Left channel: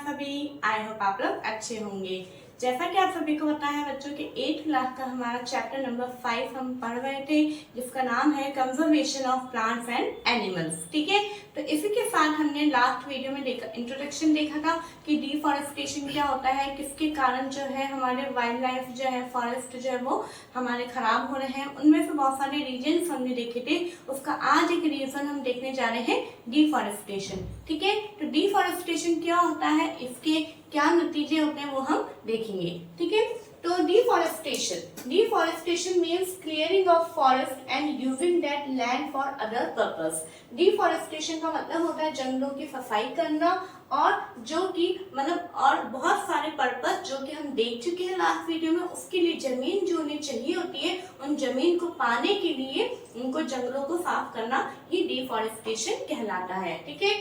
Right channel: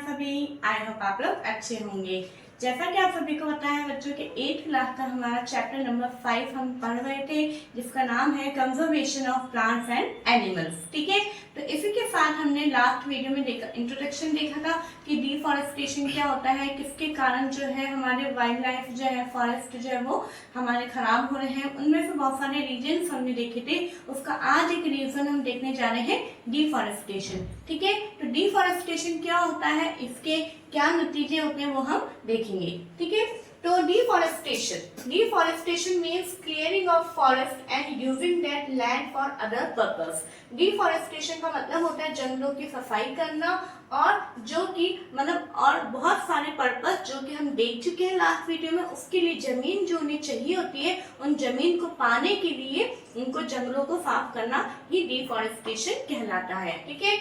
आप सभी। I hope आप लोग अच्छे होंगे। जैसा कि आप सभी को पता है बच्चों के 8th क्लास का हमारा चैप्टर नंबर 5 हम पढ़ रहे थे, जिसका नाम है conservation of plants and animals. ठीक है, तो इसी के साथ हमने लास्ट वीडियो में इंट्रोडक्शन देखा था कि डिफॉरेस्टेशन क्या होता है, किसके कारण जो है हमारे वाइल्ड लाइफ जो है, फॉरेस्ट जो है वो हमारे खराब हो रहे हैं। उनमें से बहुत सारे रीजन हमने देखे थे, उसका आज एक रीजन हम देखने जा रहे हैं, डिफॉरेस्टेशन। ठीक है, तो डिफॉरेस्टेशन क्या होता है, इसके क्या नतीजे होते हैं वो हम देखेंगे। ठीक है, तो deforestation means clearing of forest and using that land for other purpose. Deforestation का मतलब होता है जंगलों की सफाई करना, और जो कि मतलब और बहुत सारे पर्पस जो कि हम देख चुके हैं लास्ट वीडियो में, उसके लिए जमीन जो उन्हें चाहिए होती है, उन जमीन को पाने के लिए उनको जंगलों को साफ करना ही डिफॉरेस्टेशन कहलाता है। ठीक है,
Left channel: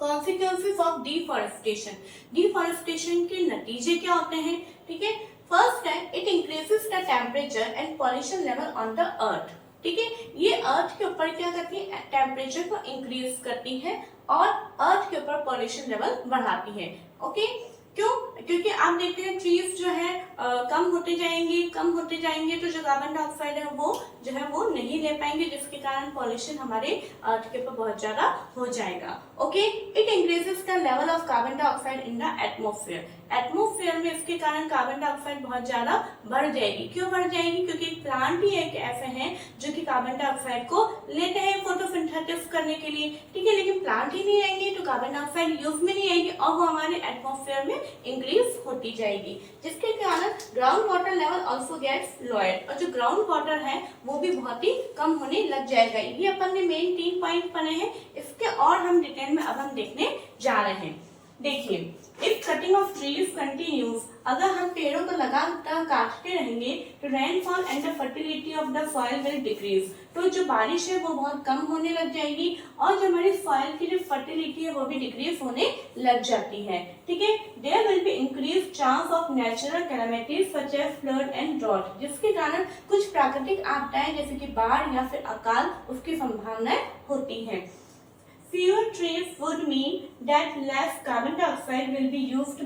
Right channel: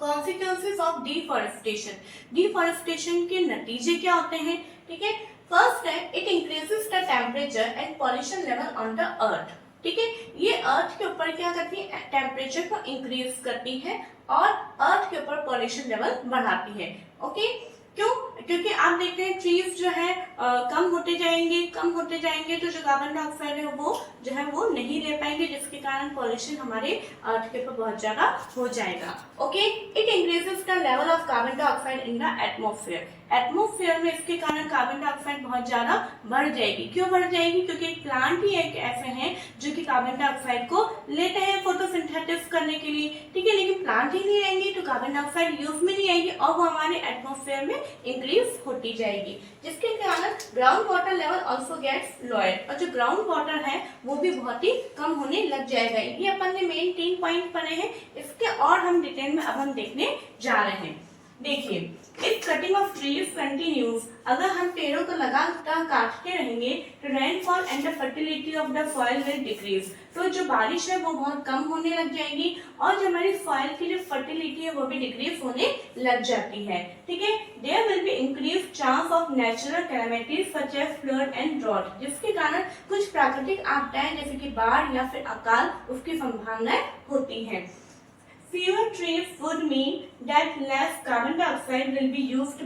कॉन्सिक्वेंसेस ऑफ डिफॉरेस्टेशन, डिफॉरेस्टेशन के नतीजे क्या होते हैं। ठीक है, फर्स्ट है it increases the temperature and pollution level on the earth. ठीक है, ये अर्थ के ऊपर क्या करती है, टेम्परेचर को इंक्रीज करती है और अर्थ के ऊपर पॉल्यूशन लेवल बढ़ाती है। ओके, क्यों? क्योंकि आप देखते हैं ट्रीज जो है कम होते जाएंगे तो जो कार्बन डाइऑक्साइड है वो नहीं ले पाएंगे, जिसके कारण पॉल्यूशन हमारे अर्थ के ऊपर बहुत ज्यादा हो जाएगा। Okay, it increases the level of carbon dioxide in the atmosphere. Atmosphere में इसके कारण कार्बन डाइऑक्साइड बहुत ज्यादा बढ़ जाएगी। क्यों बढ़ जाएगी? क्योंकि एक प्लांट ही एक ऐसे हैं जो कि कार्बन डाइऑक्साइड को लेते हैं फोटोसिंथेसिस करने के लिए। ठीक है, लेकिन प्लांट ही नहीं आएंगे तो कार्बन डाइऑक्साइड यूज में नहीं आएगी और वो हमारे एटमॉस्फेयर में इंक्रीज होती जाएगी, जिसके कारण ground water level also gets lower, और जो ग्राउंड वाटर है वो भी बहुत ही कम होने लग जाएगा। ये अपन ने मेन 3 पॉइंट पढ़े हैं, इसके और हम डिटेल में अब हम देखने जा रहे हैं। देखिए, if cutting of trees continues, अगर हम पेड़ों को लगातार काटते रहेंगे तो rainfall and the fertility of the soil will decrease, तो जो बारिश है वो बहुत कम होने लग जाएगी और जो हमारी सॉइल की जो फर्टिलिटी है वो भी डिक्रीज होने लग जाती है। ठीक है, there will be increase chance of natural calamities such as flood and drought, जिसके कारण कुछ प्राकृतिक आपदाएं जैसे कि बाढ़ या फिर अकाल उसकी संभावनाएं होती है। Fewer trees would mean that less carbon dioxide will be used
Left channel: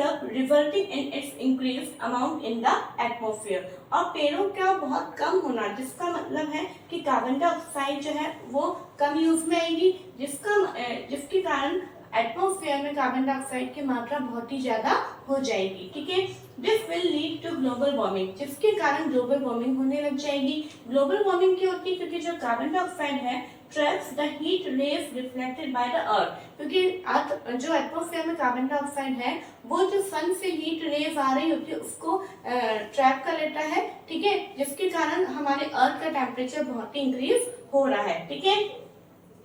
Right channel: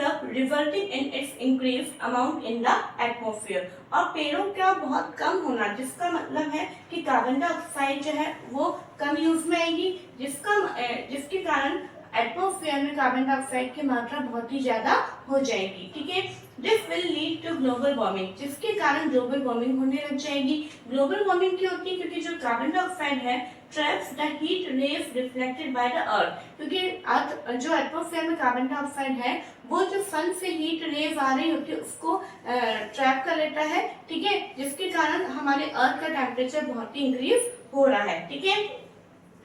up, resulting in its increased amount in the atmosphere। और पेड़ों का बहुत कम होना, जिसका मतलब है कि कार्बन डाइऑक्साइड जो है वो कम यूज में आएगी, जिसके कारण एटमॉस्फेयर में कार्बन डाइऑक्साइड की मात्रा बहुत ही ज्यादा हो जाएगी। ठीक है, this will lead to global warming, जिसके कारण ग्लोबल वार्मिंग होने लग जाएगी। ग्लोबल वार्मिंग क्यों होती है? क्योंकि जो कार्बन डाइऑक्साइड है traps the heat rays reflected by the earth, क्योंकि जो एटमॉस्फेयर में कार्बन डाइऑक्साइड है वो जो सन से हीट रेज आ रही होती है उसको ट्रैप कर लेता है। ठीक है, जिसके कारण हमारे अर्थ का टेम्परेचर बहुत ही इंक्रीज हो रहा है। ठीक है,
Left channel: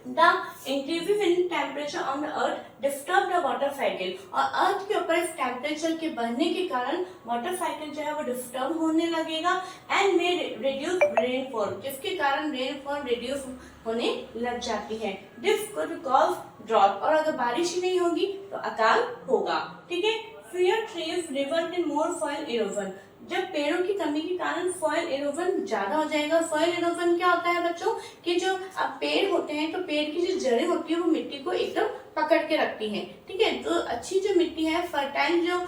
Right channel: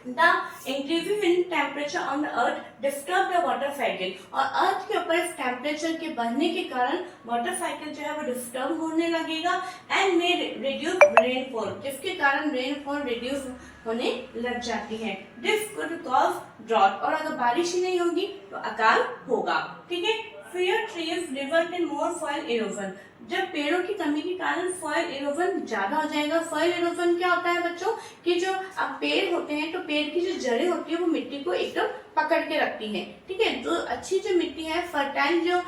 The increases in temperature on the earth disturb the water cycle, और अर्थ के ऊपर इस टेम्परेचर के बढ़ने के कारण वाटर साइकिल जो है वो डिस्टर्ब होने लगेगा एंड मे रिड्यूस रेनफॉल, जिसके कारण रेनफॉल रिड्यूस होने लग जाती है। दिस कुड कॉज ड्रॉट, और अगर बारिश ही नहीं होगी तो अकाल होगा। ठीक है, fewer trees result in more soil erosion, जब पेड़ों की कमी के कारण सॉइल इरोजन ज्यादा हो जाएगा। सॉइल इरोजन क्या होता है बच्चों, कि जो अब पेड़ होते हैं तो पेड़ की जो जड़ें होती है वो मिट्टी को एकदम पकड़ के रखती हैं। ठीक है, जो अच्छी जो मिट्टी है, फर्टाइल जो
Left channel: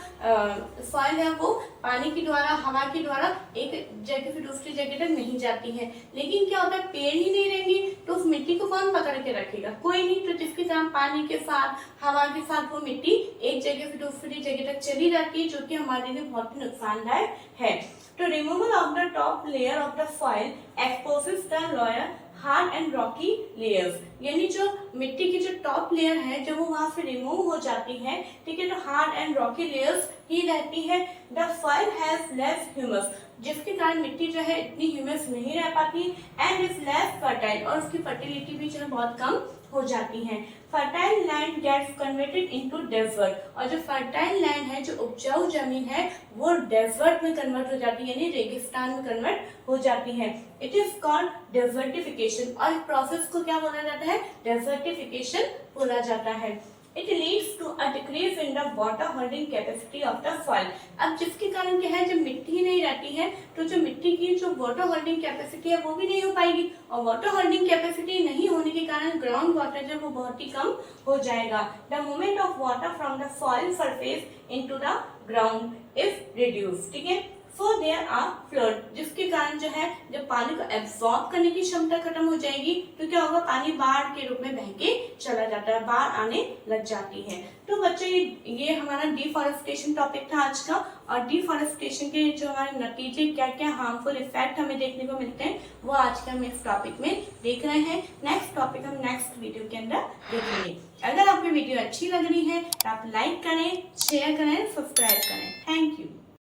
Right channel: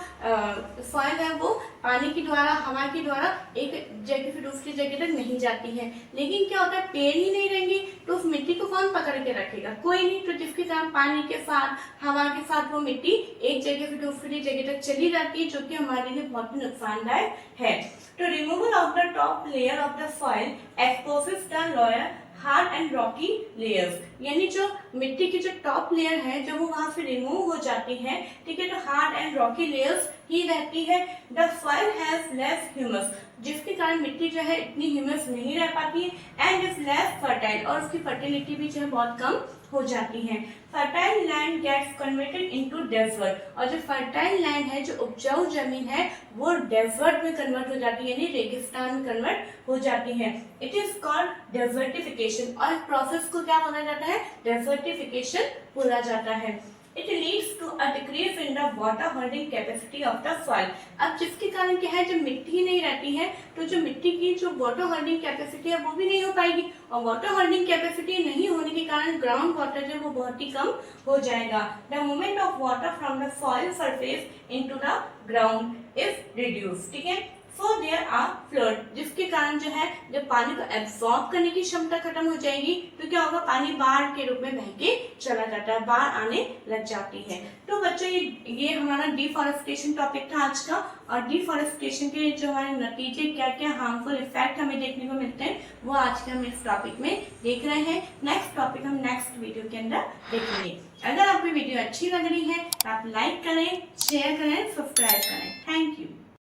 सॉइल है, वो पानी के द्वारा, हवा के द्वारा एक जगह से दूसरी जगह तक नहीं जाती है। लेकिन क्या होता है, पेड़ ही नहीं रहेंगे तो उस मिट्टी को कौन पकड़ के रखेगा? कोई नहीं, तो जिसके कारण पानी के साथ, हवा के साथ वो मिट्टी एक जगह से दूसरी जगह तक चली जाती है, जो कि हमारे लिए बहुत ही नुकसानदायक है। तो removal of the top layer of the soil exposes the lower hard and Rocky layers, यानी जो मिट्टी की जो टॉप लेयर है जो वो वहां से रिमूव हो जाती है। ठीक है, तो हार्ड एंड रॉकी लेयर्स ही रहती है। The soil has less humus, जिसके कारण मिट्टी जो है इतनी ह्यूमस नहीं रह पाती एंड इज लेस फर्टाइल, और उसकी फर्टिलिटी भी जो है बहुत कम हो जाती है। Fertile land gets converted into desert, और जो फर्टाइल लैंड है, जो उपजाऊ जमीन है, वो डेजर्ट में कन्वर्ट हो जाती है, यानी रेगिस्तान में कन्वर्ट हो जाती है। इट इज कॉल्ड डेजर्टिफिकेशन, और इस प्रोसेस को क्या बोला जाता है? डेजर्टिफिकेशन बोला जाता है। It leads to a decrease in the water holding capacity of the soil. अब जिसके कारण क्या है, जब मिट्टी ही नहीं रहती है तो जो मिट्टी की जो वाटर होल्डिंग कैपेसिटी है वो भी नहीं हो पाएगी, और वाटर होल्डिंग कैपेसिटी नहीं होने के कारण ग्राउंड वाटर जो वो बहुत ही कम हो जाएगा। The movement of water from the soil surface into the ground is reduce, ठीक है। सो देयर आर फ्लड, जिसके कारण जो है जब पानी को एब्सॉर्ब करने की क्षमता खत्म हो जाएगी तो क्या होगा, पानी बाढ़ के रूप में बह के चला जाता है, बाढ़ आने लग जाती है। तो बच्चों ये हमारा डिफॉरेस्टेशन टॉपिक था आज का, और डिफॉरेस्टेशन के जो हमारे नतीजे क्या क्या हार्मफुल इफेक्ट हमें देखने को मिलते हैं वो आज के हम इस टॉपिक में देख रहे हैं। नेक्स्ट टॉपिक हम नेक्स्ट वीडियो के अंदर देखेंगे। अगर आपको वीडियो अच्छी लग रही है तो आप लाइक करें, शेयर करें, सब्सक्राइब करें। Thank you.